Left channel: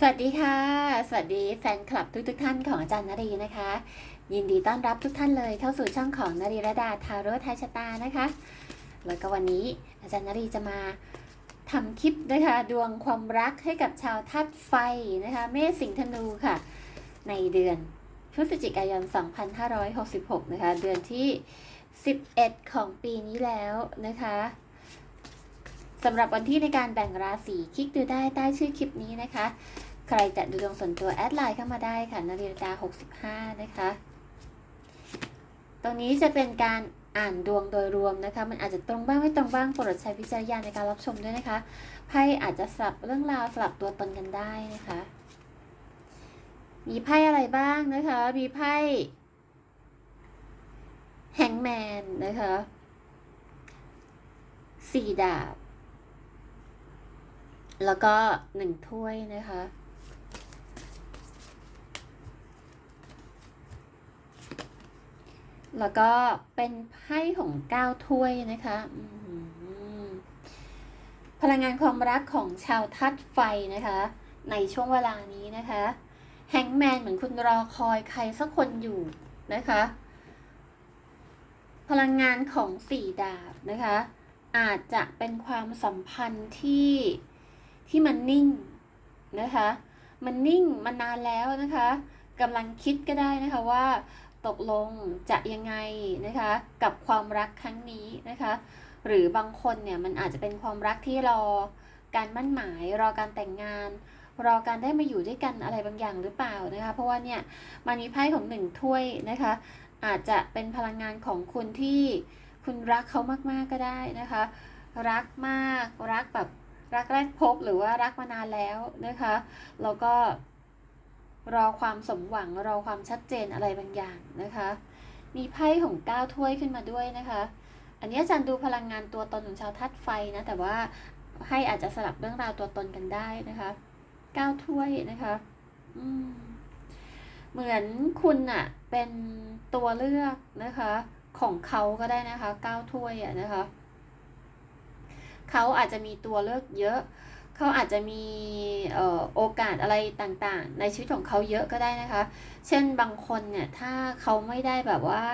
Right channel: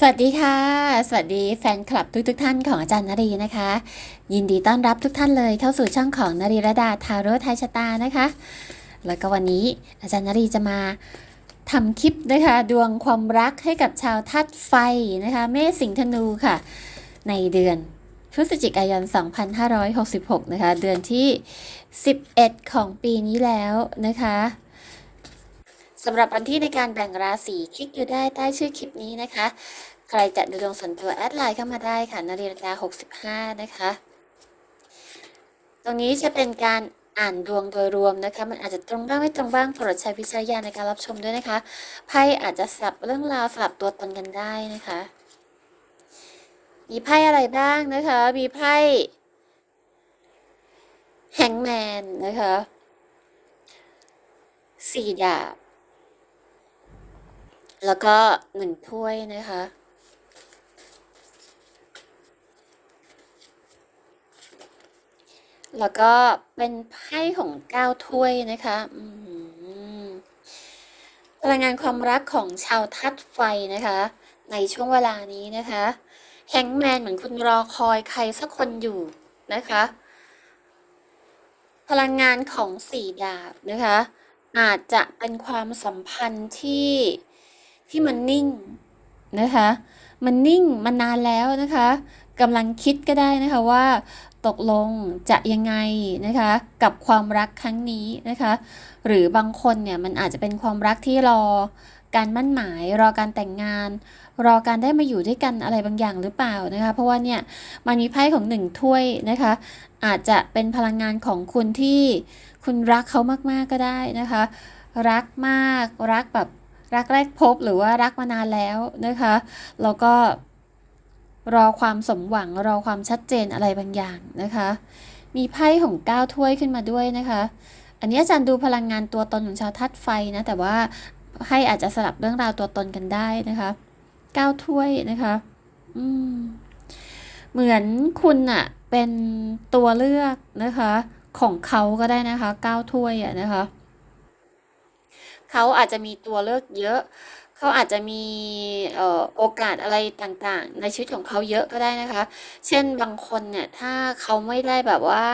สวัสดีค่ะ สวัสดีแฟนคลับทุกทท่านของอาจารย์นรีนะคะ ยินดีต้อนรับทุกท่านเลยเข้าสู่ช่องของนรีระดาทาโร่ไทยชะตานะคะ แล้วก็วันนี้อาจารย์นรีจะมาทำคลิปนะคะ ดวงความรักให้กับชาวทัดไฟนะคะ เมษสิงห์ธนูค่ะ ในเดือนพฤศจิกายน 2566 นะคะ เดือนที่ 11 ของปีนี้แล้วนะคะสำหรับวันที่ในการแบ่งราศีคลิกดูได้ใต้ชื่อคลิปนี้นะคะ ใครจะดูดวงส่วนตัวแอดไลน์เข้ามาได้ค่ะนาฬิกา65 นะคะ ตรงนี้จะเป็นการอ่านดวงโดยรวมนะคะ มันอาจจะตรงบ้างไม่ตรงบ้างโปรดใช้วิจารณญาณในการรับชมด้วยนะคะ ไพ่อาจจะสลับเรื่องราวสลับตัวตนกันได้นะคะ มีไพ่อะไรบ้างนะคะ มีไพ่แฮงแมนนะคะสี่ดาบ แล้วก็หนึ่งถ้วยนะคะ แล้วก็เป็นไพ่ของเก้าถ้วยนะคะพลังงานความรักของชาวทัดไฟนะคะ ในช่วงเวลานี้นะคะแฮงแมนเหมือนคุณรอคอยใครสักคนอยู่นะคะ พลังงานของสี่ดาบนะคะ อาจจะเป็นความสัมพันธ์ที่ที่มันนิ่งนะคะ มันนิ่งมานานแล้วนะคะกำลังคิดก็ได้นะคะว่า ตกลงจะยังไงนะคะกับความรักครั้งนี้นะคะหรือบางคนเนี่ยมันอาจจะเป็นความรักที่รอการมั่นหมายรอการแต่งงาน รอการได้มาอยู่ด้วยกันอะไรบางอย่างหรือเปล่านะคะ เพราะว่าเนี่ยมันมีไพ่ของหนึ่งถ้วยนะคะ อาจจะเป็นพลังงานของคุณที่คุณรักเขามากๆก็ได้นะคะ รักมากรักแบบรักแรกพบหรือว่ารักมานานแล้วนะคะแล้วก็ รอความสมหวังรอความชัดเจนอะไรบางอย่างนะคะ มีไพ่ของก้าถ้วยขึ้นมาด้วยนะคะ อันนี้อาจารย์ดูพลังงานตัวตนของชาวทัดไฟนะ แต่ว่าให้อาจจะสลับเรื่องราวตัวตนกันได้นะคะก้าถ้วยนะคะอืมเหมือนคุณอะเป็นตัวเลือกนะคะ ของเขาก็ได้นะคะก้าถ้วยอะนะคะเขาอาจจะมีตัวเลือกเยอะ เขาอาจจะมีโอกาสอะไรต่างๆ ในชีวิตของเขาเยอะก็ได้นะคะ เช่นบางคนเนี่ยถ้าเขาไม่ได้แบบว่า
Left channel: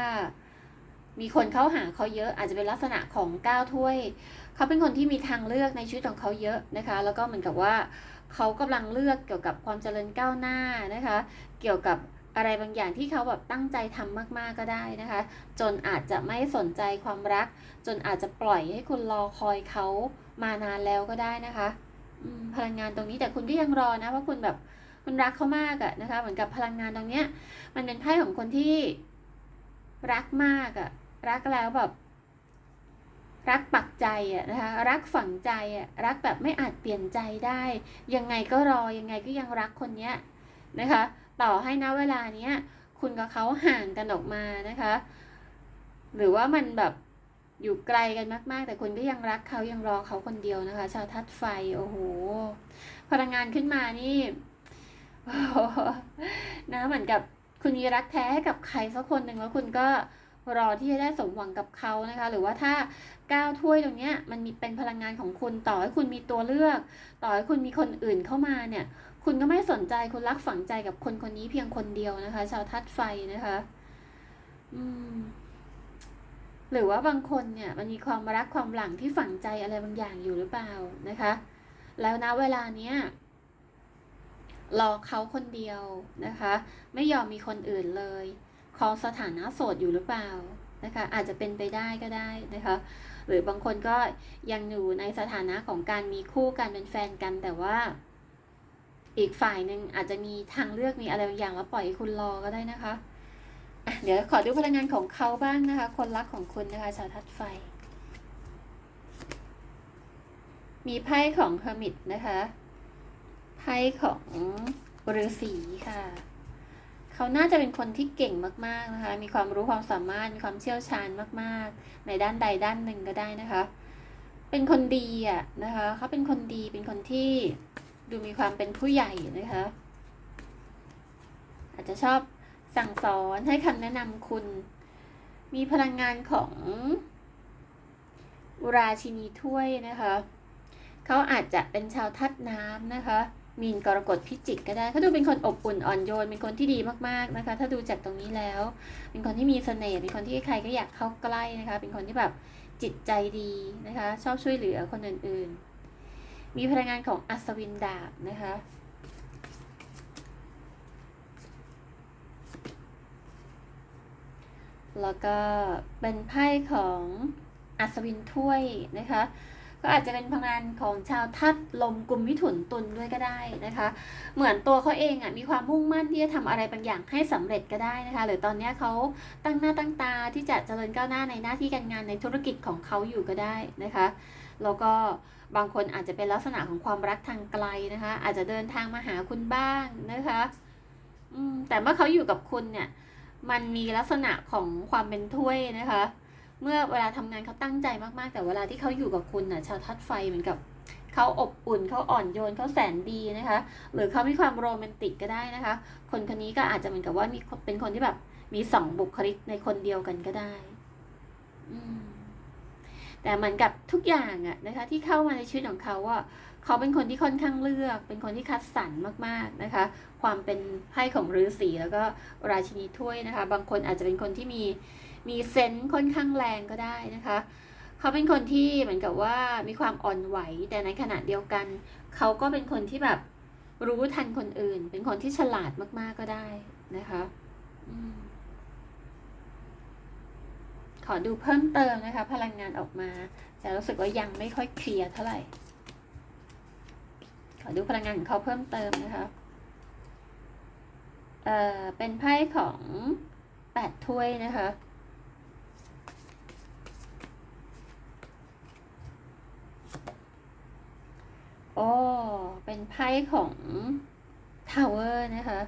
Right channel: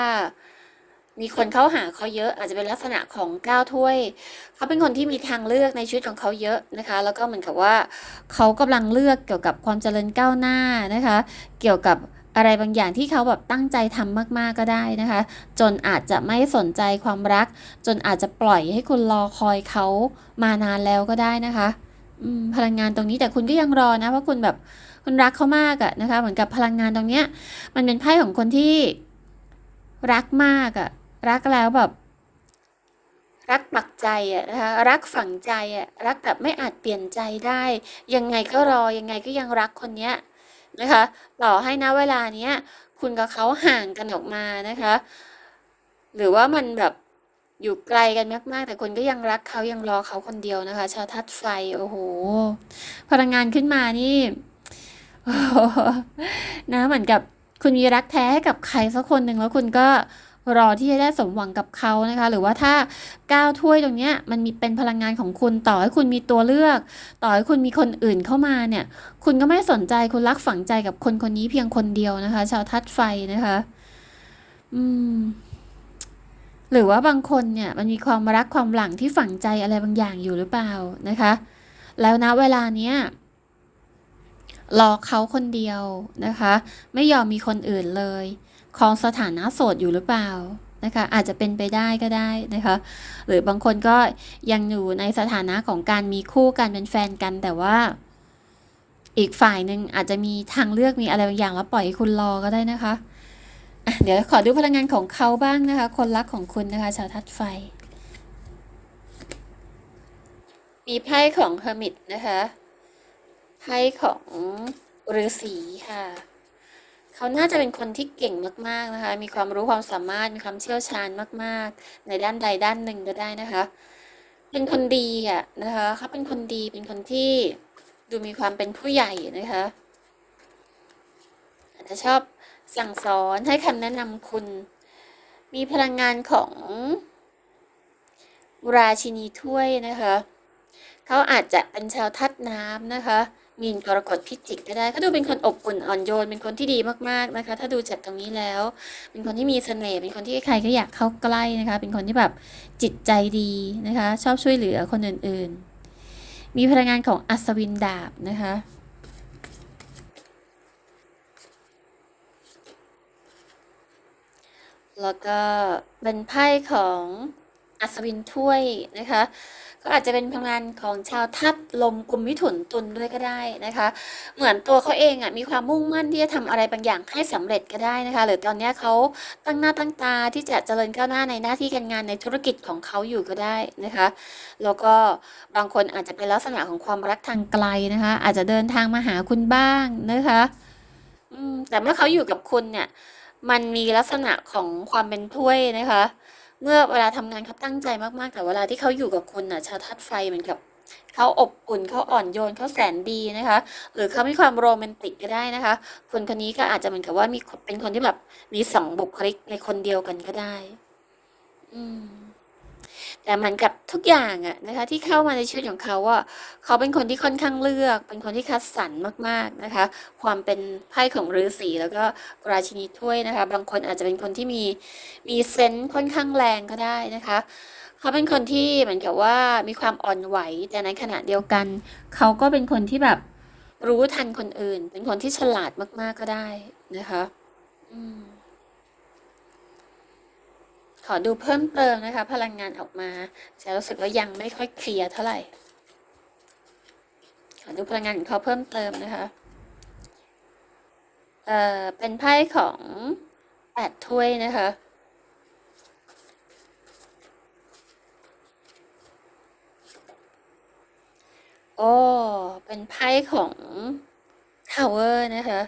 มีคนเข้าหาเขาเยอะ อาจจะเป็นลักษณะของก้าวถ้วย เขาเป็นคนที่มีทางเลือกในชีวิตของเขาเยอะนะคะ แล้วก็เหมือนกับว่าเขากำลังเลือกเกี่ยวกับความเจริญก้าวหน้านะคะ เกี่ยวกับอะไรบางอย่างที่เขาแบบตั้งใจทำมาก ๆ ก็ได้นะคะ จนอาจจะไม่สนใจความรัก จนอาจจะปล่อยให้คุณรอคอยเขามานานแล้วก็ได้นะคะ พลังงานตรงนี้แต่คุณก็ยังรอนะเพราะคุณแบบคุณรักเขามากอะนะคะ เหมือนกับพลังงานตรงเนี้ย มันเป็นไพ่ของคนที่รักมากอะรักแล้วแบบ รักปักใจอะนะคะรักฝังใจอะรักแบบไม่อาจเปลี่ยนใจได้ ยังไงก็รอยังไงก็ยังรักคนเนี้ยนะคะ ต่อให้นะเวลาเนี้ยคุณกับเขาห่างกันออกมานะคะ หรือว่ามันแบบ อยู่ไกลกันมากๆ แต่คุณก็ยังรักเขายังรอเขาคนเดียวนะคะ ชาวทัดไฟ โอ้โห พลังงานขึ้นมานี่นะเหมือนกับคุณมีรักแท้กับใครสักคนหนึ่งแล้วคุณก็รอที่จะได้สมหวังกับเขานะคะ หรือว่าถ้าก้าวถ้วยตรงนี้มันมีเป็นพลังงานของคุณต่อให้คุณมีตัวเลือก ต่อให้คุณมีคนอื่นเข้ามาเนี่ย คุณก็ไม่สนใจคุณรักฝังใจกับคนคนนี้เพียงคนเดียวนะคะ ชาวทัดไฟนะคะ อืม หรือว่าบางคนเนี่ยมันมีความรักความหลังที่ฝังใจอะไรบางอย่างอยู่หรือเปล่านะคะ แล้วนะเวลาเนี้ยรอเขาคนเดียวนะคะ ไม่ยอมมีคนอื่นเลยครองสถานะโสดอยู่หรือเปล่านะคะอาจจะเป็นไปได้ก็ได้นะคะหรือบางคนก็ยังอยู่ในสถานะของการมีคู่กันเป็นแฟนกันแต่ว่า อีกฝ่ายหนึ่งอาจจะมีทางเลือกมีอะไรบางอย่างแล้วปล่อยให้คุณรอก็ได้นะคะ เดี๋ยวขอดูพลังงานของเขาบ้างนะคะ คนรักของคุณนะคะ ชาวทัดไฟ มีไพ่ของเฮอร์มิตนะคะไพ่ของฤาษีค่ะ เขาน่าจะเป็นคนที่เก่งมากๆนะคะ มีความรู้ความสามารถมีความเชี่ยวชาญมากๆ ในด้านใดด้านหนึ่งก็ได้นะคะ เป็นคนดีอะนะคะเขาเป็นคนดีเป็นคนที่ดูมีความเป็นผู้ใหญ่นะคะ อาจจะชอบ สั่งสอนให้คำแนะนำคุณ มีพลังงานของราชินีถ้วยนะคะ เขาอาจจะเป็นชาวทัดน้ำนะคะ มีนกรกฎพิจิกก็ได้เขาดูเป็นคนอบอุ่นอ่อนโยน เป็นคนที่ดีมากๆนะคะ ถ้าดูจากตรงนี้แล้ว เป็นคนที่มีเสน่ห์ เป็นคนที่ใครก็อยากเข้าใกล้นะคะ เป็นคนที่แบบจิตใจดีนะคะ ชอบช่วยเหลือคนอื่นๆ มีพลังงานของอัศวินดาบนะคะ แล้วก็เป็นไพ่ของอัศวินถ้วยนะคะ ก็อาจจะเป็นพลังงานของชาวทัดลมกลุ่มมิถุนตุลด้วยก็ได้นะคะ เหมือนตัวเขาเองอะมีความมุ่งมั่นที่จะทำอะไรบางอย่างให้สำเร็จก็ได้นะคะ หรือตอนนี้เขาตั้งหน้าตั้งตาที่จะเจริญก้าวหน้าในหน้าที่การงานในธุรกิจของเขาอยู่ก็ได้นะคะ แล้วก็บางคนอาจจะเป็นลักษณะของความรักทางไกลนะคะ อาจจะเดินทางมาหาคุณบ้างนะคะอืมแต่เมื่อเขาอยู่กับคุณเนี่ย มันมีลักษณะของความเป็นถ้วยนะคะ เมื่อเวลาทำงานเขาตั้งใจมากๆ แต่เวลาที่เขาอยู่กับคุณน่ะชาทัดไฟเหมือนกับเขาอบอุ่นเขาอ่อนโยนเขาแสนดีนะคะ หรือเขามีความโรแมนติกก็ได้นะคะ คนคนนี้ก็อาจจะเหมือนกับว่ามีเป็นคนที่แบบมีสองบุคลิกในคนเดียวกันก็ได้ อืม แต่เหมือนกับทุกอย่างอะนะคะที่เข้ามาในชีวิตของเขาว่าเขาเป็นคนที่ค่อนข้างเลือก เป็นคนที่คัดสรรมากๆนะคะ ความเป็นไพ่ของฤาษีแล้วก็ราชินีถ้วยนะคะ บางคนอาจจะเป็นคนที่มีมีเซนส์ค่อนข้างแรงก็ได้นะคะเขาเป็นคนที่เหมือนกับว่ามีความอ่อนไหวแต่ในขณะเดียวกัน เขาก็เป็นคนที่แบบรู้ทันคนอื่น เป็นคนที่ฉลาดมากๆก็ได้นะคะ อืม ขอดูเพิ่มเติมนะคะ พลังงานออกมาจะรู้สึกว่ายังไม่ค่อยเคลียร์เท่าไหร่ ขอดูพลังงานของเขาเพิ่มเติมนะคะ เอ่อ เป็นไพ่ของแปดถ้วยนะคะโอ้ เป็นไพ่ของทาวเวอร์นะคะ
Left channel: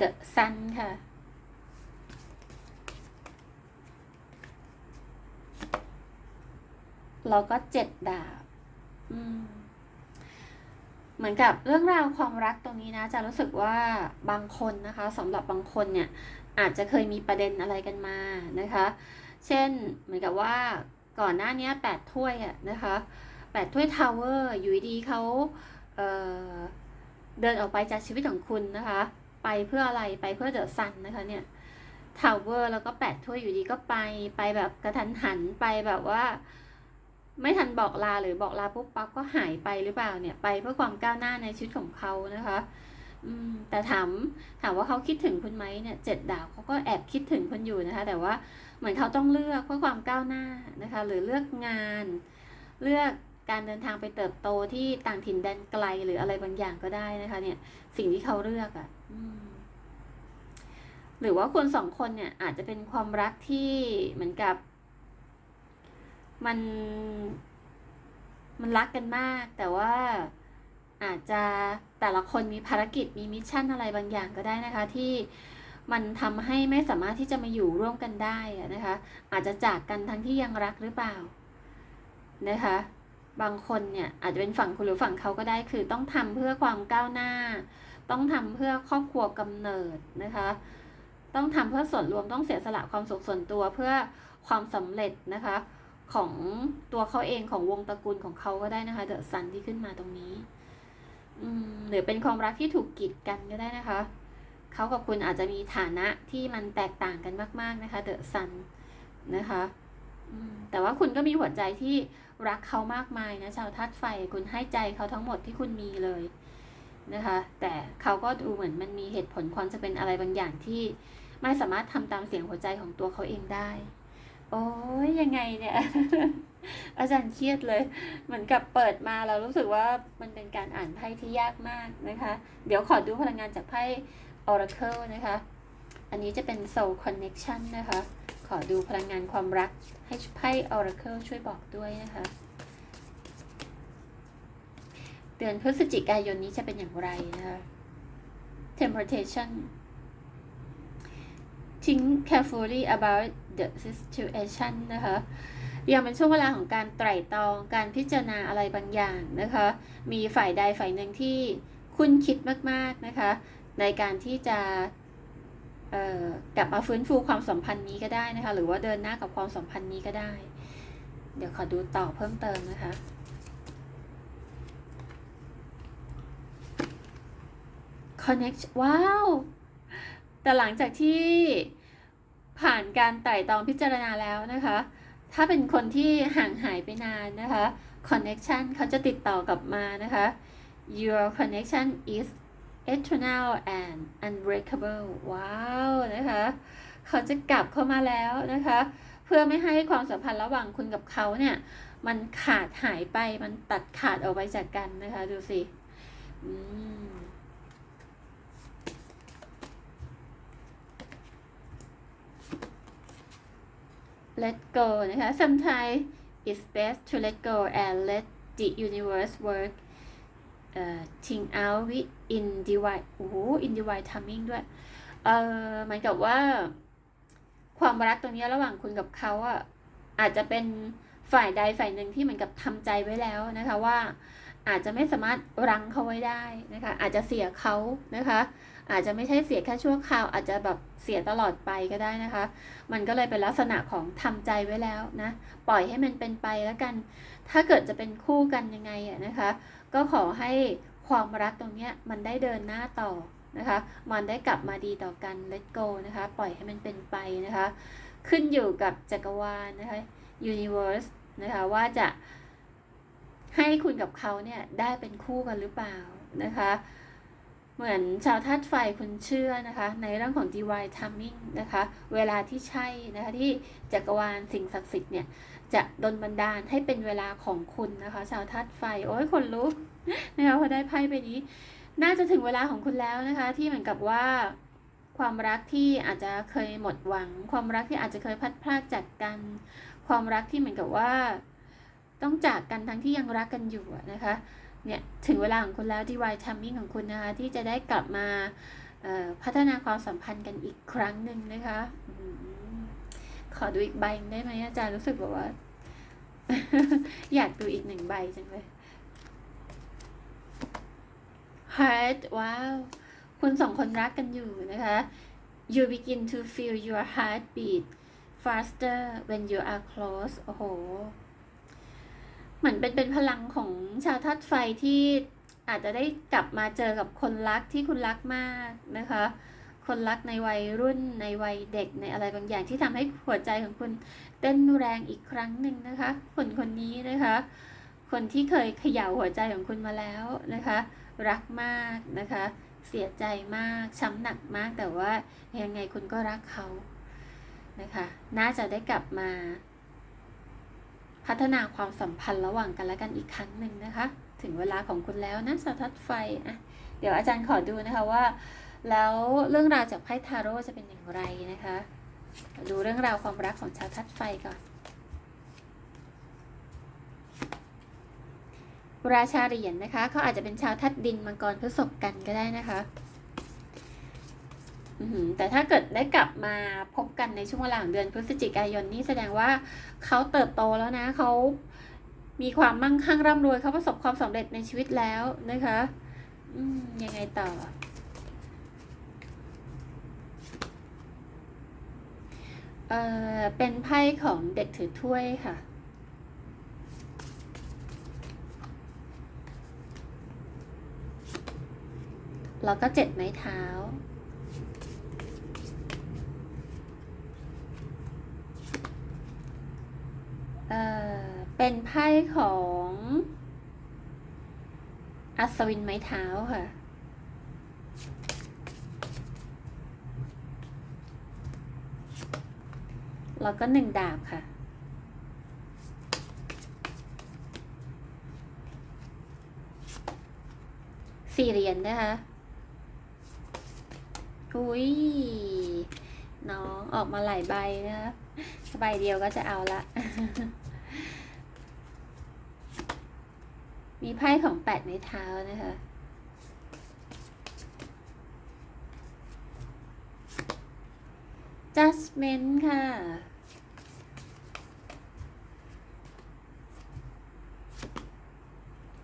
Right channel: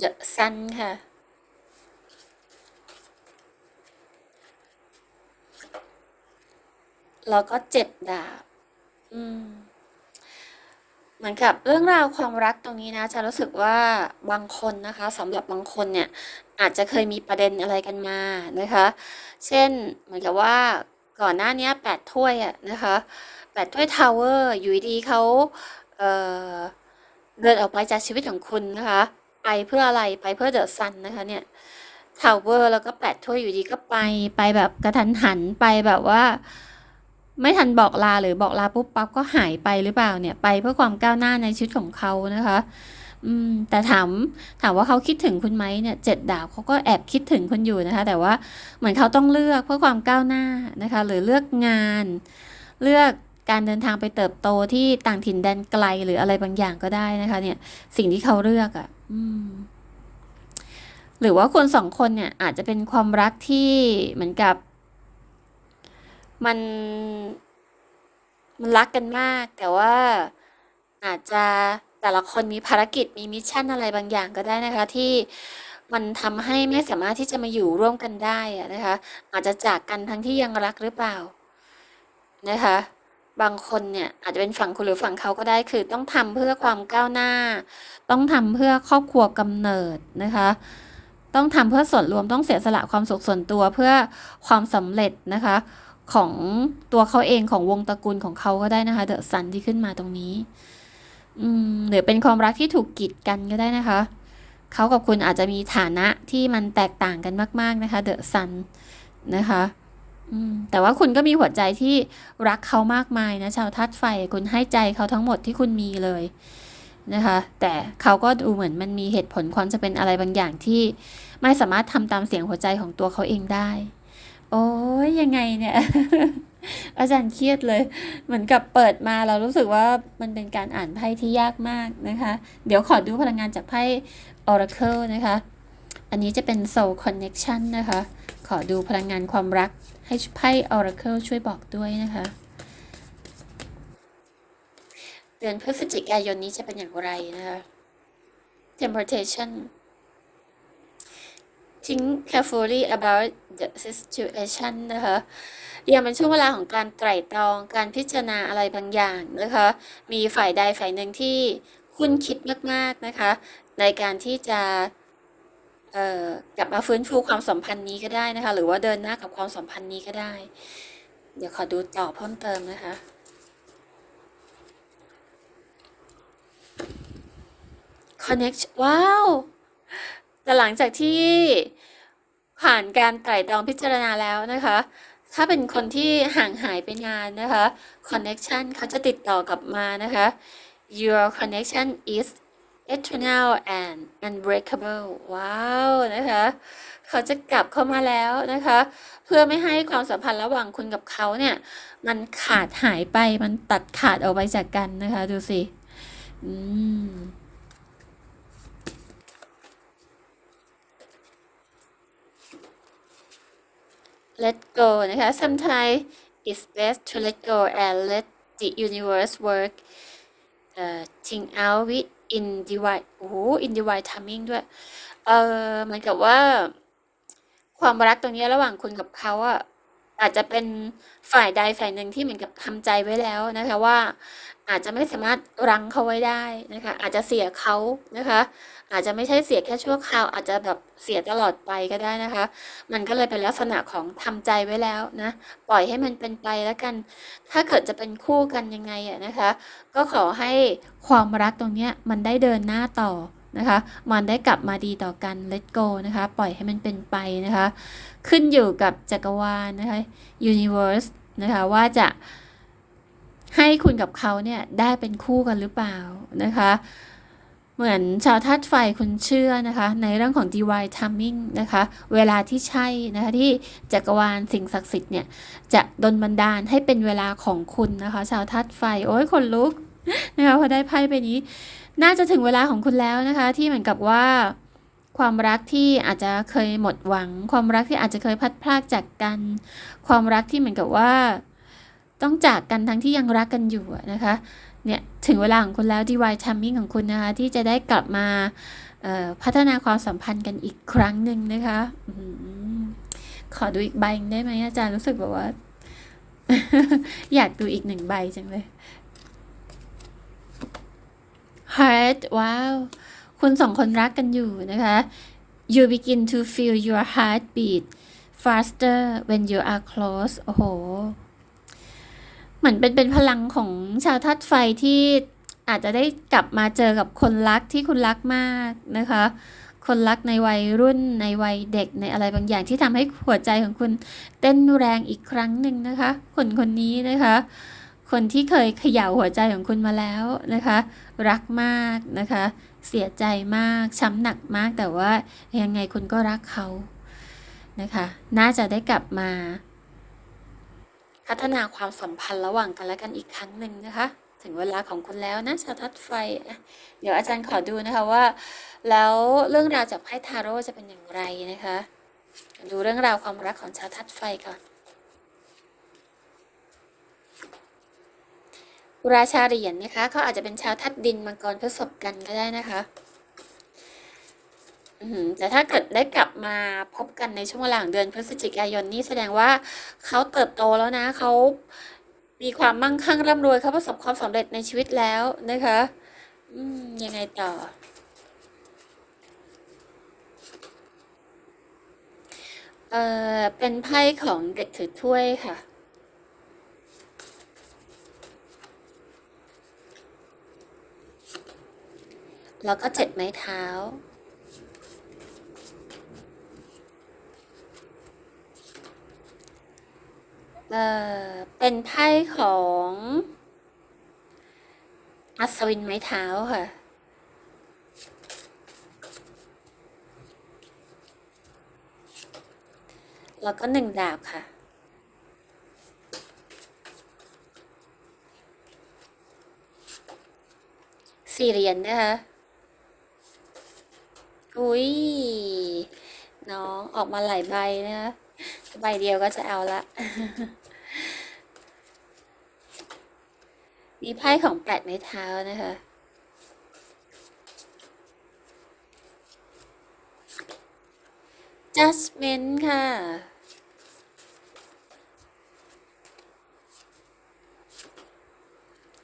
The Sun ค่ะ แล้วก็เจ็ดดาบ อืม เหมือนกับเรื่องราวความรักตรงนี้นะจะรู้สึกว่าบางคนนะคะสำหรับบางคนเนี่ย อาจจะเคยมีประเด็นอะไรกันมานะคะ เช่นเหมือนกับว่าก่อนหน้านี้แปดถ้วยอะนะคะแปดถ้วยทาวเวอร์อยู่ดีเขาเเดินออกไปจากชีวิตของคุณนะคะ ไปเพื่ออะไรไปเพื่อเดอะซันนะคะเนี่ยทาวเวอร์แล้วก็แปดถ้วยอยู่ดีก็ไปไปแบบกระทันหันไปแบบว่า ไม่ทันบอกลาหรือบอกลาปุ๊บปั๊บก็หายไปหรือเปล่าเนี่ยไปเพื่อความก้าวหน้าในชีวิตของเขานะคะ อืมแต่ถามถามว่าเขาคิดถึงคุณไหมเนี่ยเจ็ดดาบเขาก็แอบคิดถึงคุณอยู่นะคะ แต่ว่าเหมือนเขาต้องเลือกเพื่อความก้าวหน้านะคะ หรือเลือกงาน เลือกการเดินทางไปเติบโตที่ต่างถิ่นแดนไกลหรืออะไรบางอย่างก็ได้นะคะ เนี่ยสิ่งที่เขาเลือกอะ่ะหรือว่าคนสองคนเนี่ย อาจจะเป็นความรักที่เหมือนกับ มันมันรักกันมาก แต่ว่าอาจจะแต่ละคนมีภารกิจมีมิชชั่นอะไรบางอย่างก็ได้นะคะ ที่มันทำให้ไม่สามารถที่จะมาอยู่ร่วมกันได้นะคะ อาจจะจากกันทั้งที่ยังรักหรือเปล่านะคะ บางคนเนี่ยอาจจะเป็นฝั่งคุณหรือฝั่งเขาก็ได้คือต้องทำเพื่อความก้าวหน้า ต้องทำเพื่อครอบครัวกำเนิดนะคะ ต้องทำเพื่อส่วนรวมต้องเสียสละความสุขส่วนตัวเพื่อความสำเร็จนะคะ ของตัวเขาเองของวงตระกูลของเขาก็ได้นะคะเดอะซันที่ขึ้นมาตรงนี้อืมหรือเป็นความรักที่ถูกกีดกันก็ได้นะคะเขากับคุณอาจจะมีฐานะที่มันแตกต่างกันมาก ๆนะคะเดอะซันนะคะ แต่ว่าคุณก็มีหัวใจที่รักเขามากมายนะชาวธาตุไฟคุณให้ใจเขาทั้งหมดที่คุณมีเลยนะคะ แต่เขาก็ดูเหมือนมันมีเหตุผลความจะเป็นอะไรบางอย่างที่ไม่สามารถทำตามเสียงหัวใจของตัวเขาเองได้ โอ้ยยังไงเนี่ย อาจารย์เครียดเลย เหมือนกับเปิดมาเรารู้สึกว่ามันเป็นการอ่านไพ่ที่ยากมากนะคะ เดี๋ยวขอดูพลังงานจากไพ่ Oracle นะคะ อันนี้จะเป็น Soul Connection นะคะ ขอดูพลังงานความรัก ให้ไพ่ Oracle ช่วยบอกด้วยนะคะ เดือนพฤศจิกายนนี้จะเป็นอย่างไรนะคะ Temptation think carefully about the situation นะคะยังเป็นช่วงเวลาของการไตร่ตรองการพิจารณาอะไรบางอย่างนะคะ มีฝ่ายใดฝ่ายหนึ่งที่คุณคิดมาก ๆ นะคะ ในการที่จะ กลับมาฟื้นฟูความสัมพันธ์นี้ก็ได้นะคะ หรือว่าเดินหน้ากับความสัมพันธ์นี้ก็ได้ เดี๋ยวขอดูต่อเพิ่มเติมนะคะ connect ว้าว แต่หลังจากที่ผ่านการไต่ตองพิจารณาแล้วนะคะ ถ้าเป็นคนที่ห่างหายไปนานนะคะ connection เขาจะติดต่อกลับมานะคะ your connection is eternal and unbreakable ว้าวนะคะเขาจะกลับเข้ามาแล้วนะคะ เพื่อไม่ให้ความสัมพันธ์ระหว่างคุณกับเขาเนี่ยมันขาดหายไปมันตัดขาดออกไปจากกันนะคะ ดูสิอืม let go นะคะ sometimes it's best to let go and let the universe work เอ่อ think out with in divine โอ้โห in divine timing ด้วย เอ่อเหมือนกับว่า ความรักตรงนี้ระหว่างคุณกับเขาอะอาจจะเป็น ฝ่ายใดฝ่ายหนึ่งที่เหมือนกับทำใจไว้แล้วนะคะว่าอาจจะไม่สามารถรั้งเขาไว้ได้นะคะอาจจะเสียเขานะคะ อาจจะไม่ใช่เสียแค่ชั่วคราว อาจจะแบบเสียตลอดไปก็ได้นะคะ มันก็เลยเป็นลักษณะของทำใจไว้แล้วนะปล่อยให้มันเป็นไปแล้วกัน ถ้าเกิดจะเป็นคู่กันยังไงอะนะคะ ก็ขอให้ความรักตรงเนี้ยมันได้เดินหน้าต่อนะคะมันได้กลับมาดีต่อกัน let go นะคะ ปล่อยให้มันเป็นไปนะคะ ขึ้นอยู่กับจักรวาลนะคะ universe นะคะว่าจะให้คุณกับเขาเนี่ยได้เป็นคู่กันหรือเปล่านะคะ เหมือนชาวธาตุไฟคุณเชื่อนะคะ ในเรื่องของ divine timing นะคะ เวลาที่ใช่นะคะที่จักรวาลสิ่งศักดิ์สิทธิ์เนี่ยจะดลบันดาลให้เป็นเวลาของคุณนะคะ ชาวธาตุไฟโอ้ยคนลุกนะคะพอได้ไพ่ไปนี้ น่าจะถึงเวลาของคุณแล้วนะคะ ที่เหมือนกับว่าความรักที่อาจจะเคยหมดหวัง ความรักที่อาจจะเคยพัดพรากจากกัน ความรักที่เหมือนกับว่า ต้องจากกันทั้งที่ยังรักกันอยู่นะคะเนี่ยถึงเวลาของคุณแล้ว divine timing ของคุณนะคะที่จะได้กลับมาพัฒนาความสัมพันธ์กันอีกครั้งหนึ่งนะคะอขอดูอีกใบได้ไหมอาจารย์รู้สึกแบบว่า อยากดูอีกหนึ่งใบจังเลย heart ว้าว คุณสองคนรักกันอยู่นะคะ you begin to feel your heart beat faster when you are close โอ้โห เหมือนเป็นเป็นพลังของชาวธาตุไฟที่อาจจะได้กลับมาเจอกับคนรักที่คุณรักมากนะคะ คนรักในวัยรุ่นในวัยเด็กในอะไรบางอย่างที่ทำให้หัวใจของคุณเต้นแรงอีกครั้งหนึ่งนะคะ คนคนนี้นะคะ คนที่เคยเขย่าหัวใจของคุณมาแล้วนะคะ รักมากนะคะ เสียใจมากช้ำหนักมากแต่ว่ายังไงคุณก็รักเขา นะคะ น่าจะได้กลับมา พัฒนาความสัมพันธ์ระหว่างกันและกันอีกครั้งหนึ่งนะคะ ถึงเวลาของคุณแล้วนะชาทัดไฟอะเดี๋ยวอาจารย์ขอดูนะคะว่า แล้วเรื่องราวจากไพ่ทาโร่จะเป็นอย่างไรนะคะ ดูเรื่องราวความรักของชาทัดไฟก่อนราชาเหรียญนะคะเขาอาจจะเป็นชาวทัดดินมังกรพฤษภกันก็ได้นะคะ แต่ถ้าเกิดได้กลับมาพบกันในช่วงเวลาของเดือนพฤศจิกายนนี่แสดงว่าเขาเติบโตแล้วนะเขามีความมั่งคั่งร่ำรวยเขาประสบความสำเร็จในชีวิตแล้วนะคะอืยังไงต่อ เออเป็นไพ่ของเด็กถือถ้วยค่ะแล้วก็เจ็ดไม้เท้า เออเป็นไพ่ของอัศวินไม้เท้าค่ะ แล้วก็หนึ่งดาบค่ะ สี่เหรียญนะคะ อุ้ย น้องออกมาหลายใบนะคะใบเดียวก็จะเอาละ มีไพ่ของแปดในเท้านะคะ judgment ค่ะ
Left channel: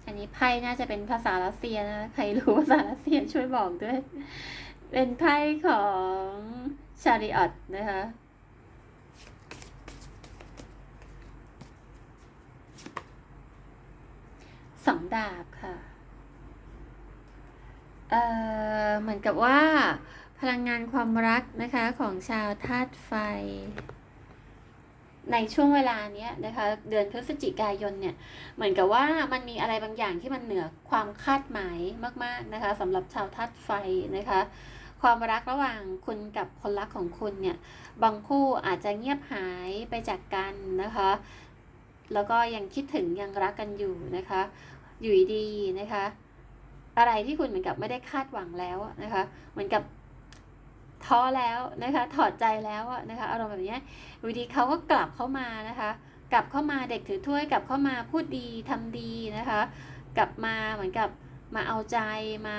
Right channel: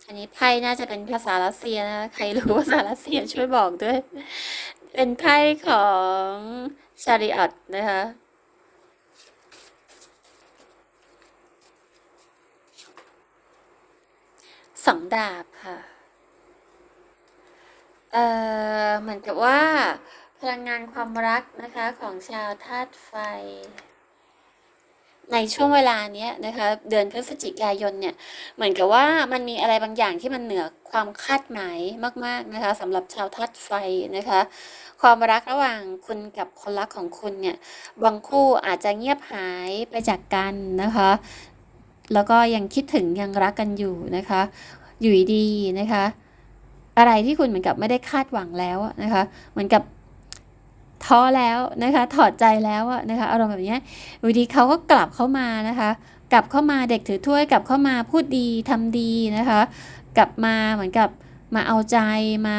อันนี้ไพ่น่าจะเป็นภาษารัสเซียนะคะใครรู้ภาษารัสเซียช่วยบอกด้วย เป็นไพ่ของชาริออตนะคะ สอง ดาบค่ะ เอ่อ เหมือนกับว่า พลังงานความรักนะคะของชาวธาตุไฟ ในช่วงเวลาเนี้ยนะคะ เดือนพฤศจิกายนเนี่ย เหมือนกับว่ามันมีอะไรบางอย่างที่มันเหนือความคาดหมายมาก ๆนะคะสำหรับชาวธาตุไฟนะคะ ความรักระหว่างคุณกับคนรักของคุณเนี่ย บางคู่อาจจะเงียบหายไปจากกันนะคะแล้วก็ยังคิดถึงยังรักกันอยู่นะคะ อยู่ดีนะคะ อะไรที่คุณเหมือนกับไม่ได้คาดหวังแล้วนะคะ เหมือนกับท้อแล้วนะคะ ถอดใจแล้วอะนะคะอารมณ์แบบเนี้ยอยู่ดีเขาก็กลับเข้ามานะคะ กลับเข้ามาเด็กถือถ้วยกลับเข้ามาพูดดีทำดีนะคะ กลับมาเหมือนกับมาเอาใจมา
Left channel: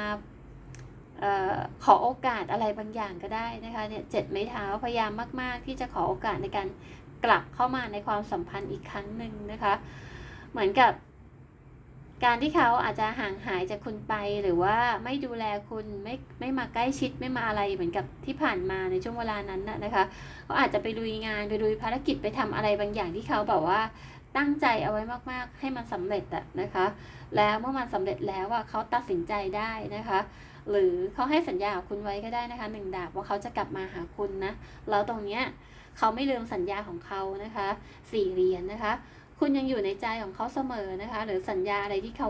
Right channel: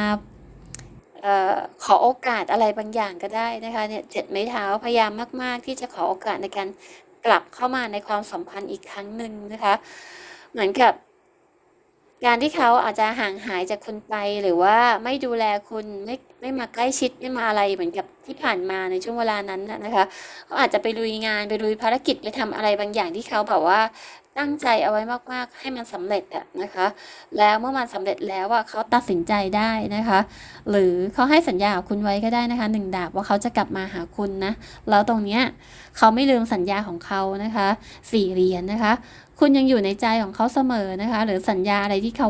ออขอโอกาสอะไรบางอย่างก็ได้นะคะเนี่ยเจ็ดไม้เท้าพยายามมาก ๆ ที่จะขอโอกาสในการกลับเข้ามาในความสัมพันธ์อีกครั้งหนึ่งนะคะ เหมือนกับ การที่เขาอาจจะห่างหายจากคุณไป หรือว่าไม่ดูแลคุณไม่ไม่มาใกล้ชิดไม่มาอะไรเหมือนกับที่ผ่านมาในช่วงเวลานั้นนะคะเขาอาจจะไปลุยงานไปลุยภารกิจไปทำอะไรบางอย่างที่เขาแบบว่าตั้งใจเอาไว้มาก ๆ ให้มันสำเร็จอะนะคะ แล้วเมื่อมันสำเร็จแล้วอะเขาตัดสินใจได้นะคะ หรือเขาให้สัญญากับคุณไว้ก็ได้นะคะหนึ่งดาบว่าเขาจะกลับมาหาคุณนะ แล้วตรงเนี้ยเขาไม่ลืมสัญญาของเขานะคะสี่เหรียญนะคะ คุณยังอยู่ในใจของเขาเสมอนะคะ หรือสัญญาอะไรที่เขา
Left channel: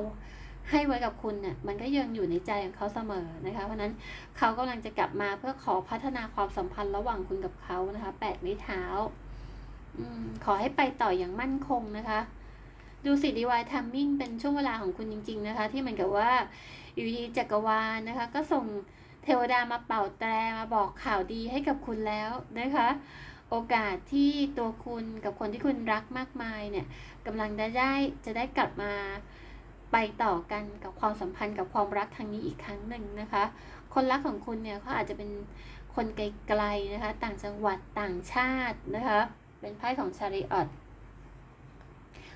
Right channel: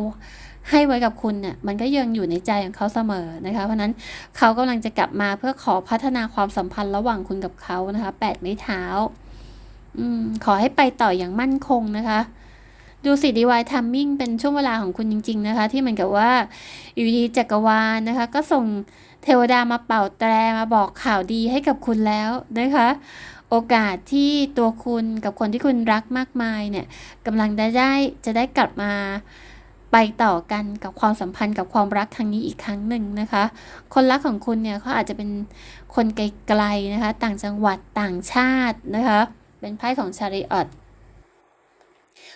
ให้ไว้กับคุณเนี่ยมันก็ยังอยู่ในใจของเขาเสมอนะคะ เพราะนั้นเขากำลังจะกลับมาเพื่อขอพัฒนาความสัมพันธ์ระหว่างคุณกับเขานะคะแปดไม้เท้าอืมขอให้ไปต่ออย่างมั่นคงนะคะ ดูสิดีวายทัมมิ่งเป็นช่วงเวลาของคุณจริง ๆ นะคะ ที่เหมือนกับว่าอยู่ดีจักรวาลนะคะ ก็ส่งเทวดามาเป่าแตรมาบอกข่าวดีให้กับคุณแล้วนะคะ โอกาสที่ตัวคุณกับคนที่คุณรักมากมายเนี่ยกำลังได้ได้จะได้กลับมาไปต่อกันกับความสัมพันธ์กับความรักครั้งนี้อีกครั้งหนึ่งนะคะ คนรักของคุณเนี่ยเขาอาจจะเป็นคนไกลๆนะคะ ต่างจังหวัดต่างชาตินะคะ เป็นไพ่ของชาริออต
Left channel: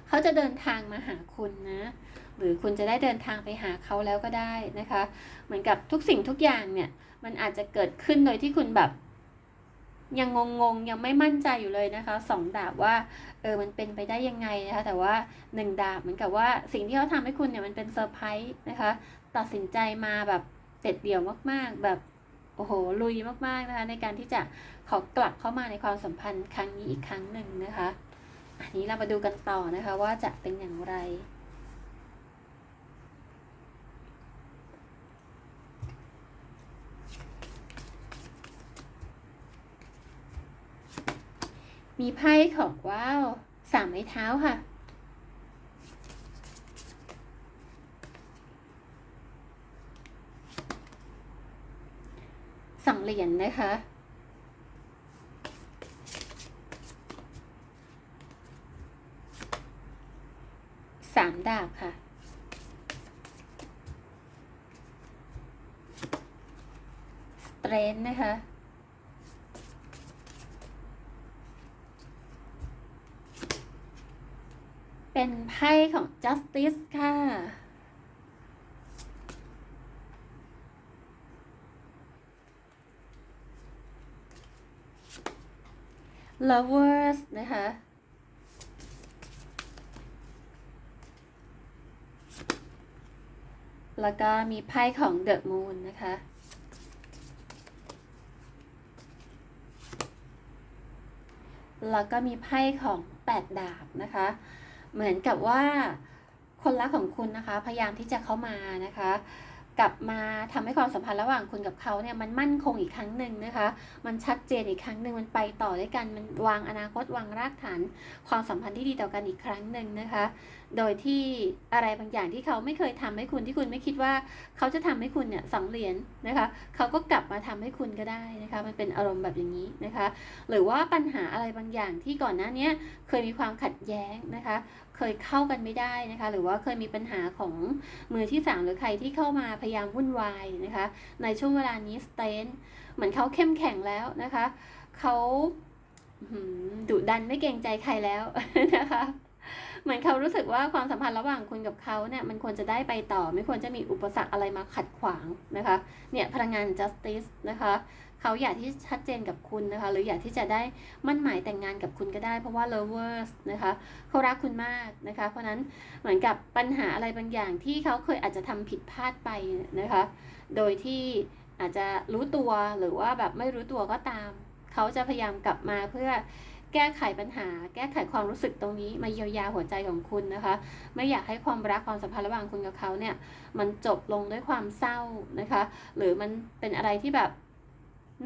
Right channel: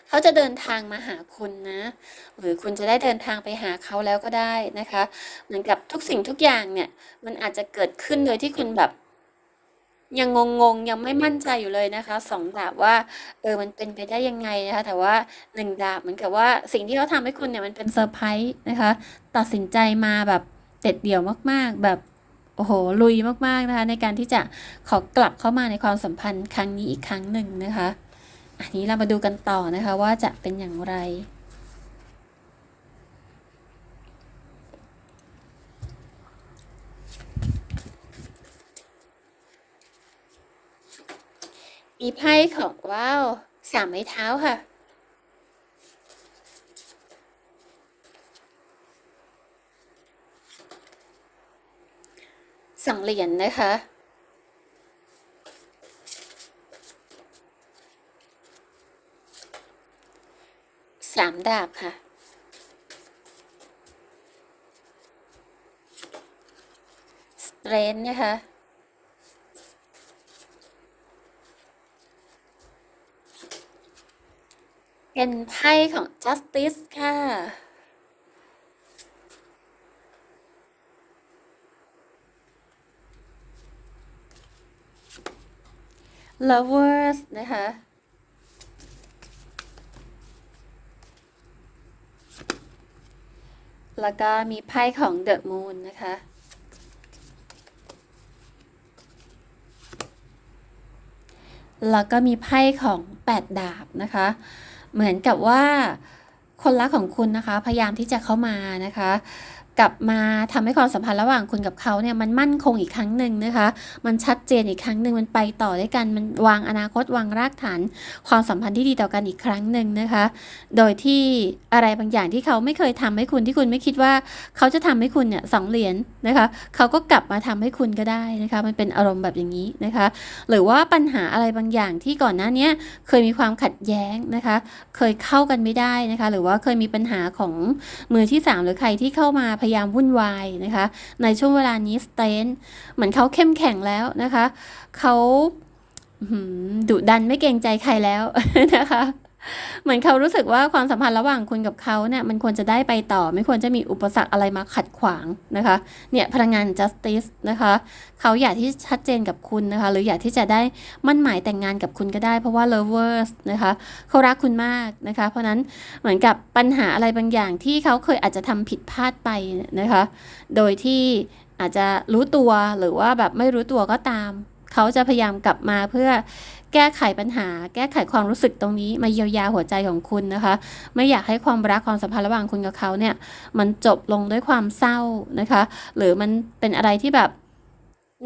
เขาจะเดินทางมาหาคุณนะ หรือคุณจะได้เดินทางไปหาเขาแล้วก็ได้นะคะ เหมือนกับทุกสิ่งทุกอย่างเนี่ย มันอาจจะเกิดขึ้นโดยที่คุณแบบ ยังงงๆ ยังไม่มั่นใจอยู่เลยนะคะสองดาบว่าเออมันเป็นไปได้ยังไงนะคะแต่ว่าหนึ่งดาบเหมือนกับว่าสิ่งที่เขาทำให้คุณเนี่ยมันเป็นเซอร์ไพรส์นะคะตัดสินใจมาแบบเด็ดเดี่ยวมากๆ แบบโอ้โหลุยมากๆนะคะในการที่จะขอกลับเข้ามาในความสัมพันธ์ครั้งนี้อีกครั้งหนึ่งนะคะ อันนี้เรามาดูกันต่อนะคะว่าจะเป็นอย่างไร มีไพ่ของว้าวสามไม้เท้าค่ะสองเหรียญนะคะ สามดาบค่ะสเตรนนะคะ เป็นไพ่ของ justice ค่ะ lovers นะคะ แล้วก็มีไพ่ของ the moon นะคะแล้วก็มีไพ่ของแปดดาบนะคะ เหมือนกับว่าคนรักของคุณนะคะ พยายามที่จะเข้ามานะคะ กลับมาทำให้ความสัมพันธ์ระหว่างคุณกับเขาเนี่ยมันมั่นคงอีกครั้งหนึ่งนะคะ มันชัดเจนอีกครั้งหนึ่งมันไปต่อด้วยกันมันวางอนาคตวางรากฐาน ความสัมพันธ์ที่ดีต่อกันอีกครั้งหนึ่งนะคะ โดยที่อะไรบางอย่างที่เขาไม่เคยทำให้คุณที่คุณไม่คิดว่า เขาจะทำให้คุณเนี่ยสองเหรียญนะคะ เขาก็กลับมาทำให้คุณก็ได้นะคะ มันเป็นอารมณ์แบบอย่างนี้นะคะ หรือว่าปัญหาอะไรบางอย่างที่ก่อนหน้านี้เคยมีความขัดแย้งนะคะ เคยเข้ากันไม่ได้นะคะ หรือว่าเคยมีปัญหาของมือที่สามหรือใครที่เข้ามาพยายามวุ่นวายนะคะ ในช่วงเวลานี้สเตนเหมือนเขาเข้มแข็งแล้วนะคะเขาดุดันไม่เกรงใจใครแล้วนะคะ เหมือนเขารู้สึกว่าความสัมพันธ์ระหว่างคุณกับเขาเนี่ยมันควรจะได้ไปต่อ ไม่ควรจะมีอุปสรรคอะไรมาขัดขวางนะคะเนี่ยพลังงาน justice นะคะเขาอยากที่ชัดเจนกับคุณนะคะ หรืออยากที่จะได้มั่นหมายแต่งงานกับคุณก็ได้ เพราะว่า lovers นะคะเขารักคุณมากนะคะ เพราะฉะนั้นเหมือนกับปัญหาอะไรบางอย่างที่เขาเคยอาจจะทำผิดพลาดไปนะคะ โดยที่อาจจะรู้ตัวหรือว่าแบบไม่รู้ตัวก็ตาม เขาจะพยายามกลับมาเพื่อ แก้ไขปัญหา แก้ไขความรู้สึกตรงนี้มาเยียวยาหัวใจของคุณนะคะ ไม่อยากให้ความรักความสัมพันธ์ระหว่างคุณกับเขาเนี่ยมันจบลงด้วยความเศร้านะคะ หรือมันเป็นอะไรที่แบบ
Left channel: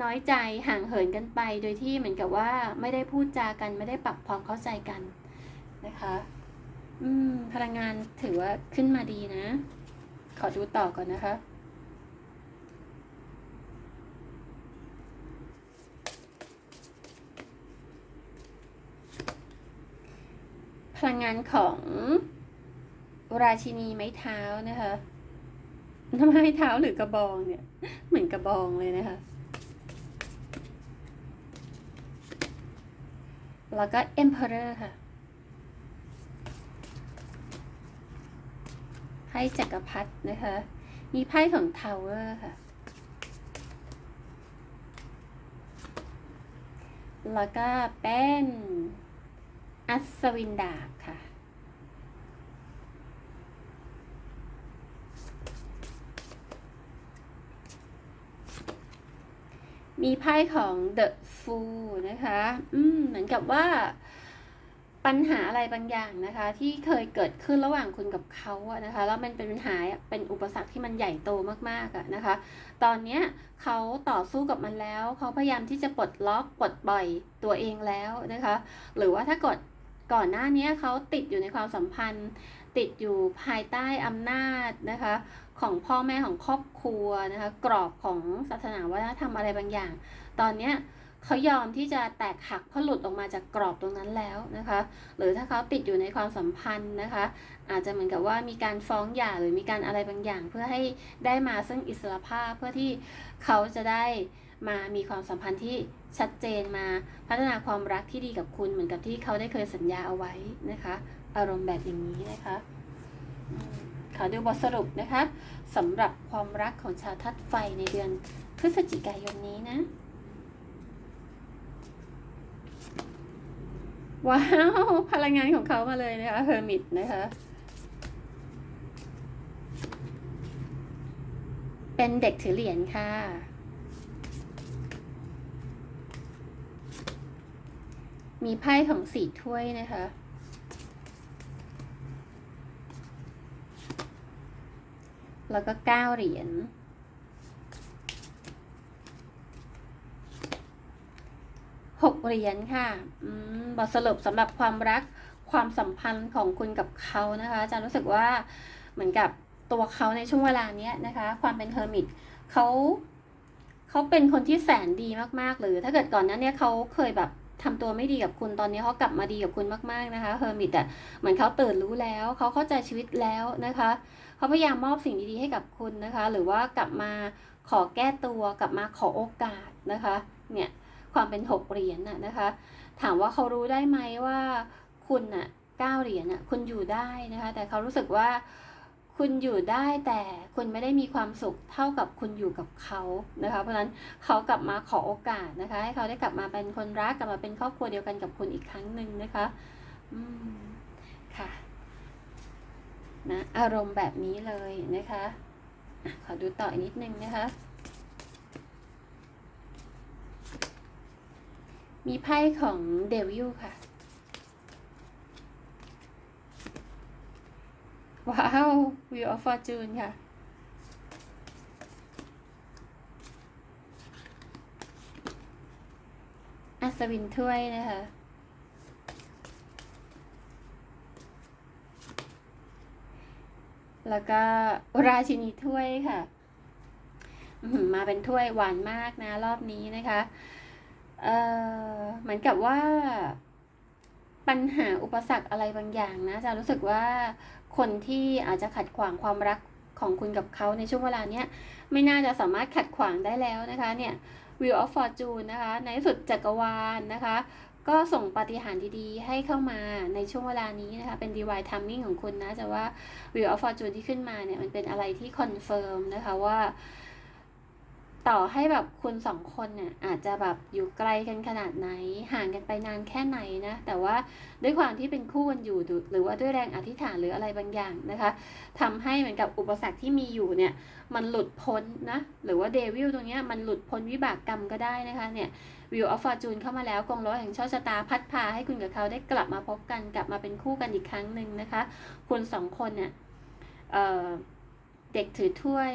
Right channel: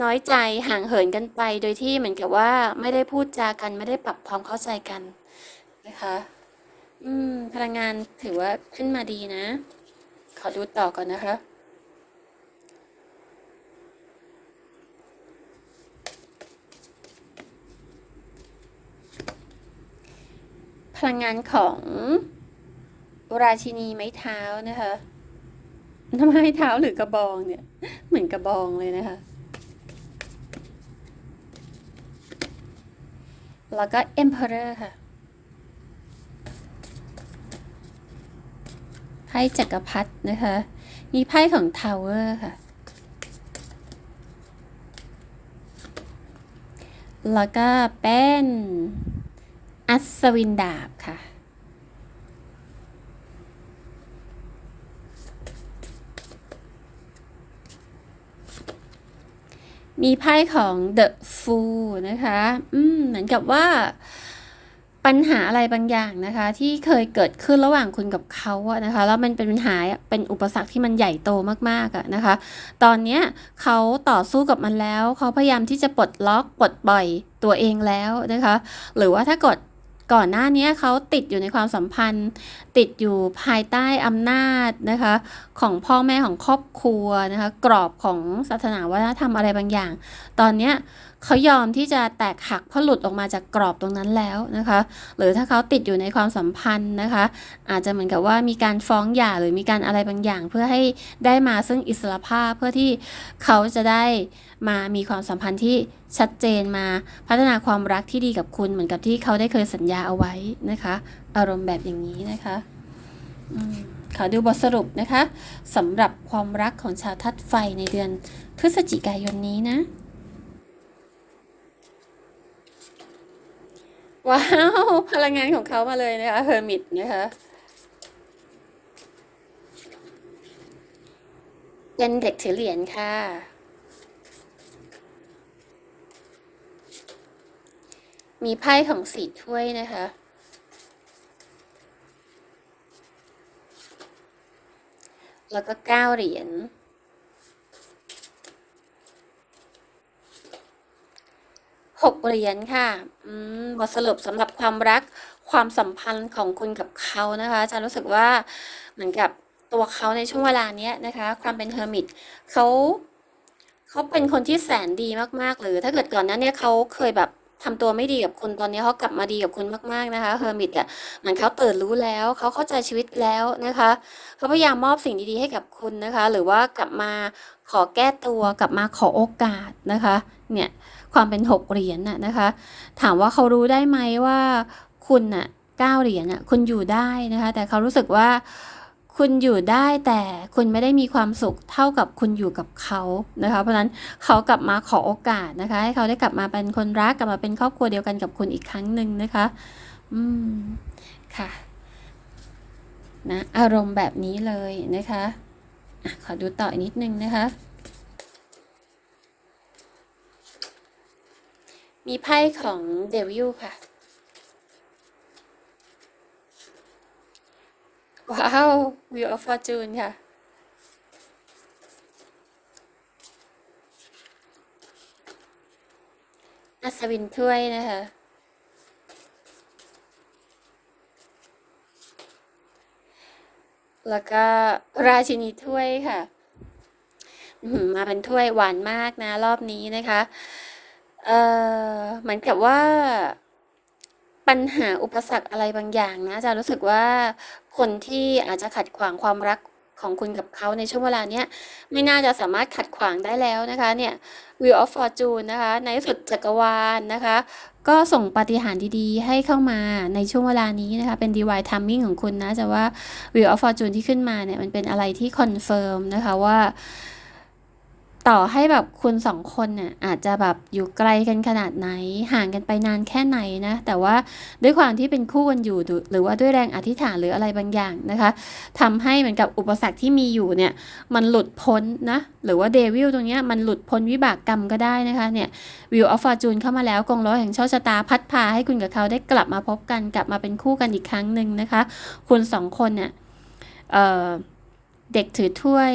น้อยใจห่างเหินกันไปโดยที่เหมือนกับว่าไม่ได้พูดจากันไม่ได้ปรับความเข้าใจกันนะคะ อืมพลังงานถือว่าขึ้นมาดีนะ ขอดูต่อก่อนนะคะ พลังงานของราชินีไม้เท้านะคะทำไม้เท้าหรือกระบองเนี่ย เหมือนกระบองเลยนะคะ แล้วก็ Emperor ค่ะไพ่จักรพรรดินะคะ มีไพ่ของ Tower ค่ะ แล้วก็เป็น อัศวินดาบค่ะ มีไพ่ของ The Fool นะคะ อืม เหมือนกับว่าปัญหาอะไรบางอย่างนะคะ ที่เคยเกิดขึ้นระหว่างคุณกับเขาอะนะคะแล้วมันเป็นปัญหาเป็นอุปสรรคที่มันใหญ่โตมากๆอะนะคะ ตอนเนี้ยเขาต่อสู้กับมันแล้ว เขาพยายามที่จะปลดล็อกปลดปล่อยตัวเองแล้วนะคะ หรือว่าถ้ากด ก่อนหน้านี้เขาติดอยู่ในความสัมพันธ์ ติดอยู่ภายใต้อำนาจนะคะ ของพ่อแม่ของครอบครัวนะคะ กรอบของศาสนาวัฒนธรรมอะไรบางอย่าง ตอนเนี้ยเขายอมที่จะแตกหักเพราะหลุดออกมาจากกรอบตรงนั้นแล้วนะคะ หรือถ้าเขาติดอยู่ในความสัมพันธ์นะคะ อาจจะเหมือนกับว่ามีการฟ้องหย่าหรือมีการอะไรบางอย่าง เพื่อให้ได้มาซึ่งอิสรภาพเพื่อที่เขาจะได้ มามีความสัมพันธ์ที่ชัดเจนมาพัฒนาความรักที่ดีกับคุณเหมือนกับที่เขาได้เคยสัญญาเอาไว้นะคะ อารมณ์แบบอย่างนี้นะคะขอดูบทสรุปนะคะสำหรับความรักของชาวทัดไฟในเดือนพฤศจิกายนนี้นะ ว้าว พลังงานของเขามาเลยนะคะเฮอร์มิตนะคะเป็นเด็กถือเหรียญค่ะ มีไพ่ของสีถ้วยนะคะ แล้วก็เก้าเหรียญ หกเหรียญค่ะ อืม บทสรุปสำหรับความรักความสัมพันธ์ของคุณกับเขานะคะอาจะรู้สึกว่าเหมือนกับตัวเขาในช่วงเวลาเนี้ยนะคะ ความเป็นเฮอร์มิตเขาเขาเป็นคนที่แสนดีมากๆหรือถ้าเกิดก่อนหนั้นเนี่ยเขาเคยแบบ ทำตัวไม่ดีกับคุณตอนนี้เขากลับมาดีกับคุณมากๆนะคะเฮอร์มิตอะเหมือนเขาตื่นรู้แล้วเขาเข้าใจชีวิตแล้วนะคะเขาพยายามมอบสิ่งดีๆให้กับคุณนะคะ หรือว่ากลับมาขอแก้ตัวกลับมาขอโอกาสนะคะเนี่ยความเป็นหกเหรียญน่ะนะคะ ถามว่าเขารู้ได้ไหมว่าคุณน่ะเก้าเหรียญน่ะคุณอยู่ได้นะคะ แต่เขารู้สึกว่า คุณอยู่ได้แต่คุณไม่ได้มีความสุขเท่ากับคุณอยู่กับเขานะคะ เพราะนั้นเขากลับมาขอโอกาสนะคะ ให้เขาได้กลับมาเป็นคนรักกลับมาเป็นครอบครัวเดียวกันกับคุณอีกครั้งหนึ่งนะคะ อืมค่ะนะอารมณ์แบบนี้เลยนะคะอะขอดูต่ออีกนิดนึงนะคะ มีไพ่ของเดวิลค่ะ ว้าว Wheel of Fortune ค่ะอัศวินถ้วยนะคะแล้วก็ราชินีถ้วยค่ะ มาเป็นถ้วยหวานมากนะ รอบนี้นะคะ เอ่อ เหมือนกับว่า ปัญหาอุปสรรคอะไรบางอย่างนะจะรู้สึกว่าคนที่อาจจะขัดขวางความรักของคุณกับเขาในช่วงเวลาเนี้ยไม่น่าจะสามารถขัดขวางได้แล้วนะคะเนี่ย Wheel of Fortune นะคะ ในสุดจักรวาลนะคะ ก็ส่งปาฏิหาริย์ดีๆ ให้เข้ามาในช่วงเวลานี้นะคะ เป็น divine timing ของคุณนะจะว่า Wheel of Fortune ที่ขึ้นมาเนี่ย มันเป็นอะไรที่คอนเฟิร์มนะคะว่า ต่อให้แบบคุณสองคนเนี่ยอาจจะแบบอยู่ไกลกันขนาดไหน ห่างกันไปนานแค่ไหนนะ แต่ว่าด้วยความที่เป็นคู่กันอยู่หรือว่าด้วยแรงอธิษฐานหรืออะไรบางอย่างนะคะทำให้เหมือนกับอุปสรรคที่มีอยู่เนี่ยมันหลุดพ้นนะ หรือว่าเดวิลตรงเนี้ยมันหลุดพ้นวิบากกรรมก็ได้นะคะเนี่ยวิวออฟฟอร์จูนเข้ามาแล้วกองล้อแห่งโชคชะตาพัดพาให้คุณกับเขาได้กลับมาพบกันกลับมาเป็นคู่กันอีกครั้งหนึ่งนะคะ คุณสองคนเนี่ยเเด็กถือถ้วย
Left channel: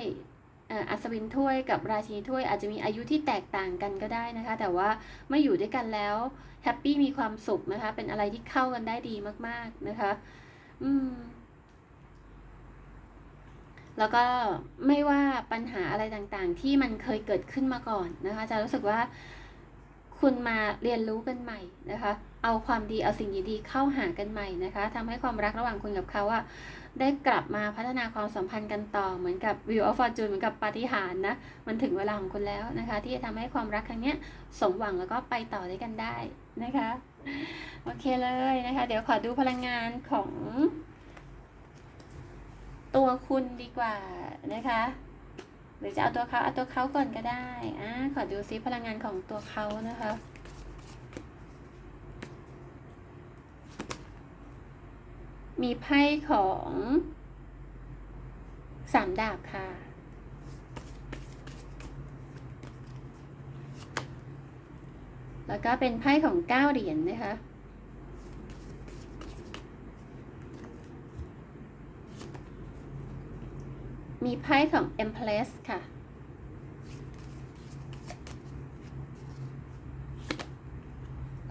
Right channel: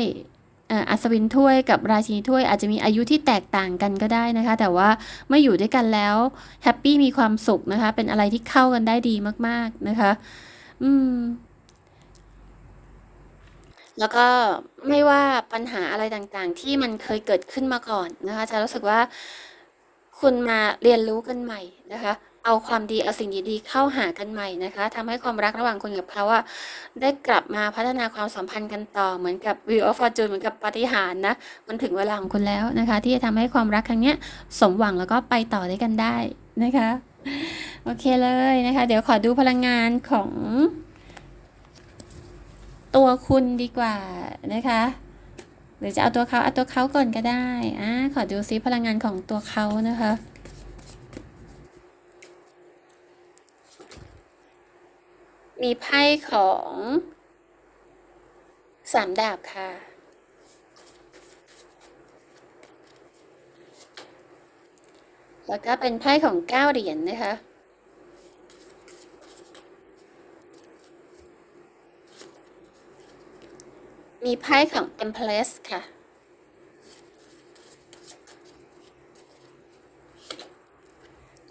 อัศวินถ้วยกับราชินีถ้วยอาจจะมีอายุที่แตกต่างกันก็ได้นะคะ แต่ว่าเมื่ออยู่ด้วยกันแล้วแฮปปี้มีความสุขนะคะ เป็นอะไรที่เข้ากันได้ดีมาก ๆนะคะ อืม แล้วก็ไม่ว่าปัญหาอะไรต่างๆ ที่มันเคยเกิดขึ้นมาก่อนนะคะจะรู้สึกว่าคุณมาเรียนรู้กันใหม่นะคะ เอาความดีเอาสิ่งดีๆเข้าหากันใหม่นะคะทำให้ความรักระหว่างคุณกับเขาอะได้กลับมาพัฒนาความสัมพันธ์กันต่อเหมือนกับ Wheel of Fortune เหมือนกับปาฏิหาริย์นะมันถึงเวลาของคุณแล้วนะคะ ที่จะทำให้ความรักครั้งนี้สมหวังแล้วก็ไปต่อได้กันได้นะคะโอเคเลยนะคะ เดี๋ยวขอดูพลังงานของตัวคุณดีกว่านะคะ หรือจะเอาตัวเขาเอาตัวเขาก่อนก็ได้อ่าขอดูซิพลังงานของตัวเขานะคะ มีไพ่ของสามดาบค่ะ แล้วก็เป็นไพ่ของเก้าเหรียญนนะคะ มีไพ่ของ Empress ค่ะ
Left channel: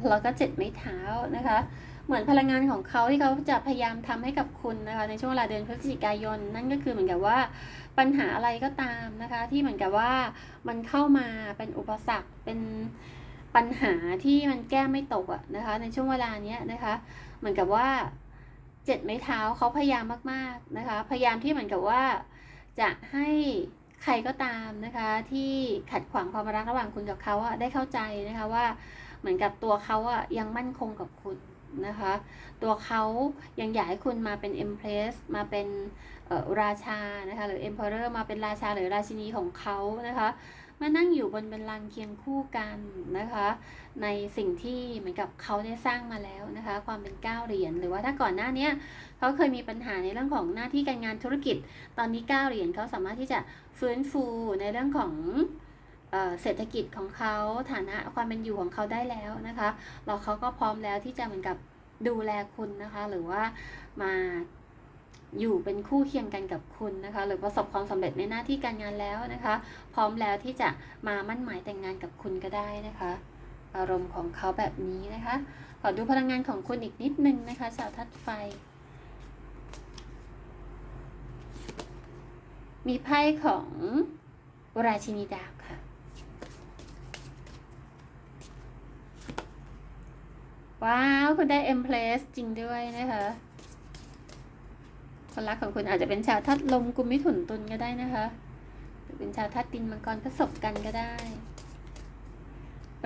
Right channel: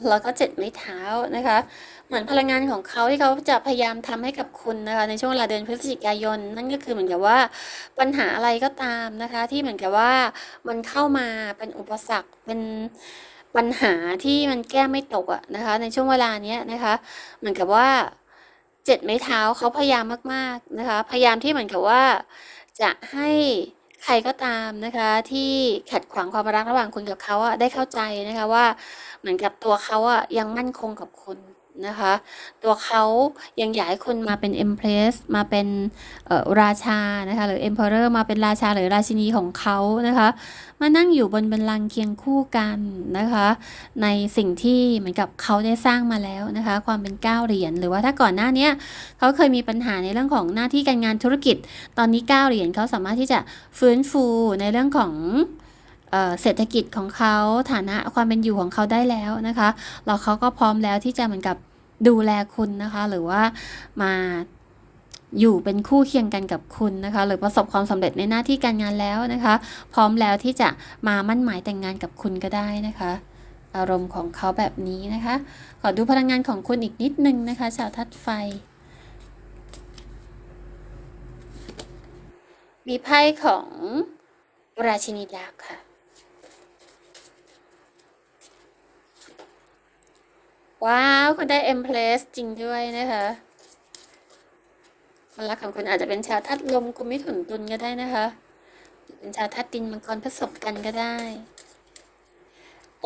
แล้วก็เจ็ดไม้เท้านะคะ เหมือนพลังงานของเขาที่เขาจะพยายามทำให้กับคุณนะคะในช่วงเวลาเดือนพฤศจิกายน นั่นก็คือเหมือนกับว่าปัญหาอะไรก็ตามนะคะ ที่เหมือนกับว่ามันเข้ามาเป็นอุปสรรคเป็นปัญหาที่มันแก้ไม่ตกอะนะคะ ในช่วงเวลานี้นะคะ เหมือนกับว่าเจ็ดไม้เท้าเขาพยายามมากๆนะคะ พยายามที่เหมือนกับว่า จะให้ใครก็ตามนะคะที่ขัดขวางความรักระหว่างคุณกับเขาอะได้เข้าใจนะคะว่าเหมือนกับตัวเขาอะยังมั่นคงกับคุณ นะคะ ตัวเขายังอยากให้คุณมาเป็น Empress มาเป็นราชานะคะหรือ Emperor มาเป็นราชาหรือราชินีของเขานะคะ มานั่งอยู่บนบันลังเคียงคู่กันนะคะ ในสิ่งที่เหมือนกับเขาได้สร้างมาแล้วนะคะ ความเป็นก้าเหรียญหรือว่าถ้าก่อนหน้านี้เขาเคยมีปัญหาในเรื่องของหน้าที่การงานธุรกิจ ตอนนี้ก้าเหรียญเขาสามารถที่จะฟื้นฟูในเรื่องของ เศรษฐกิจของเขาฐานะความเป็นอยู่ของเขาได้แล้วนะคะแล้วเขาก็พร้อมแล้วที่จะเหมือนกับดูแลคุณนะคะ หรือว่ามาอยู่เป็นคู่เคียงกันกับคุณนะคะ หรือประสบความสำเร็จในหน้าที่การงานแล้วนะคะ พร้อมแล้วที่จะมามั่นหมายแต่งงานกับคุณก็ได้นะคะ อารมณ์ของเขาแบบนี้นะคะ ขอดูพลังงานของคุณอีกนิดนึงนะคะ ชาวทัดไฟ มีไพ่ของราชินีดาบค่ะ ว้าว คุณได้ e m p r e s s จริงด้วยนะคะคนรักของคุณอาจจะเป็นชาวทัดลมกุมมิถุนตุลก็ได้นะคะหรือเป็นชาวทัดดินมังกรผสมกันก็ได้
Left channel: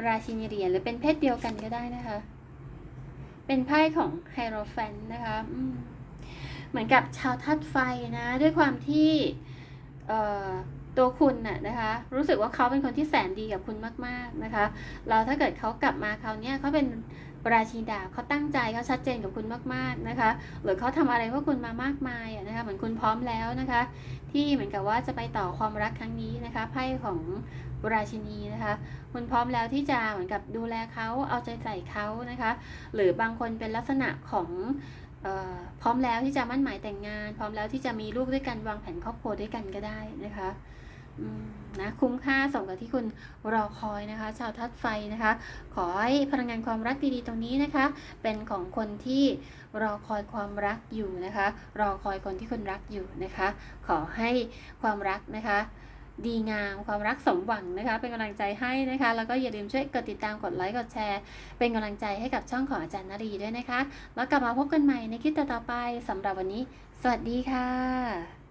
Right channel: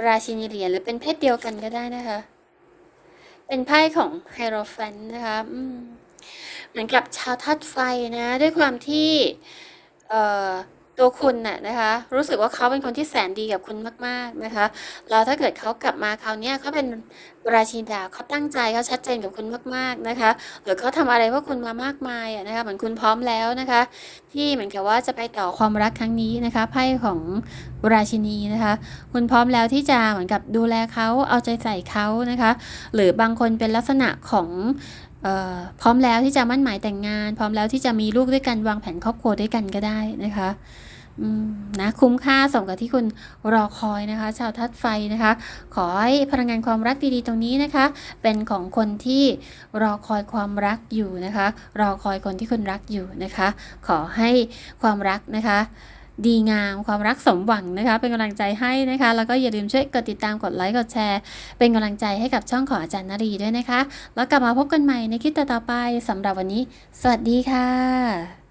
ราชินีเหรียญหรือเป็นเพศเดียวกันก็ได้นะคะ เป็นไพ่ของไฮโรแฟนนะคะเหมือนกับชาวทัดไฟนะ ด้วยความที่ ตัวคุณน่ะนะคะ รู้สึกว่าเขาเป็นคนที่แสนดีกับคุณมากๆนะคะ แล้วถ้าเกิดเขากลับมาคราวนี้เขาเป็นราชินดาเขาตั้งใจเขาชัดเจนกับคุณมากๆนะคะ หรือเขาทำอะไรเพื่อคุณมามากมายนะคะ เหมือนคุณพร้อมแล้วนะคะ ที่เหมือนกับว่าจะไปต่อความรักครั้งนี้นะคะไพ่ของราชินีนะคะ คุณพร้อมแล้วที่จะเหมือนกับดูแลเขาเอาใจใส่เขานะคะ หรือบางคนเป็นลักษณะของพร้อมแล้วที่จะมั่นหมายแต่งงาน พร้อมแล้วที่จะมีลูกด้วยกันวางแผนครอบครัวด้วยกันก็ได้นะคะ นะคุ้มค่าสมกับที่คุณรอคอยนะคะ ชาวทัดไฟนะคะ ขอให้พลังงานความรักดีๆตรงนี้นะคะ เป็นของคนที่รอคอยความรักอยู่นะคะ รอคอยคนที่คุณรักอยู่นะคะ ขอให้ความรักนะคะดีงามความรักสมหวังนะคะ เป็นกำลังใจให้นะคะ แล้วก็อย่าลืมช่วยกดติดตามกดไลค์กดแชร์ เป็นกำลังใจให้กับช่องของอาจารย์นรีด้วยนะคะ แล้วกลับมาพบกันใหม่ในคลิปต่อไปสำหรับวันนี้ สวัสดีค่ะ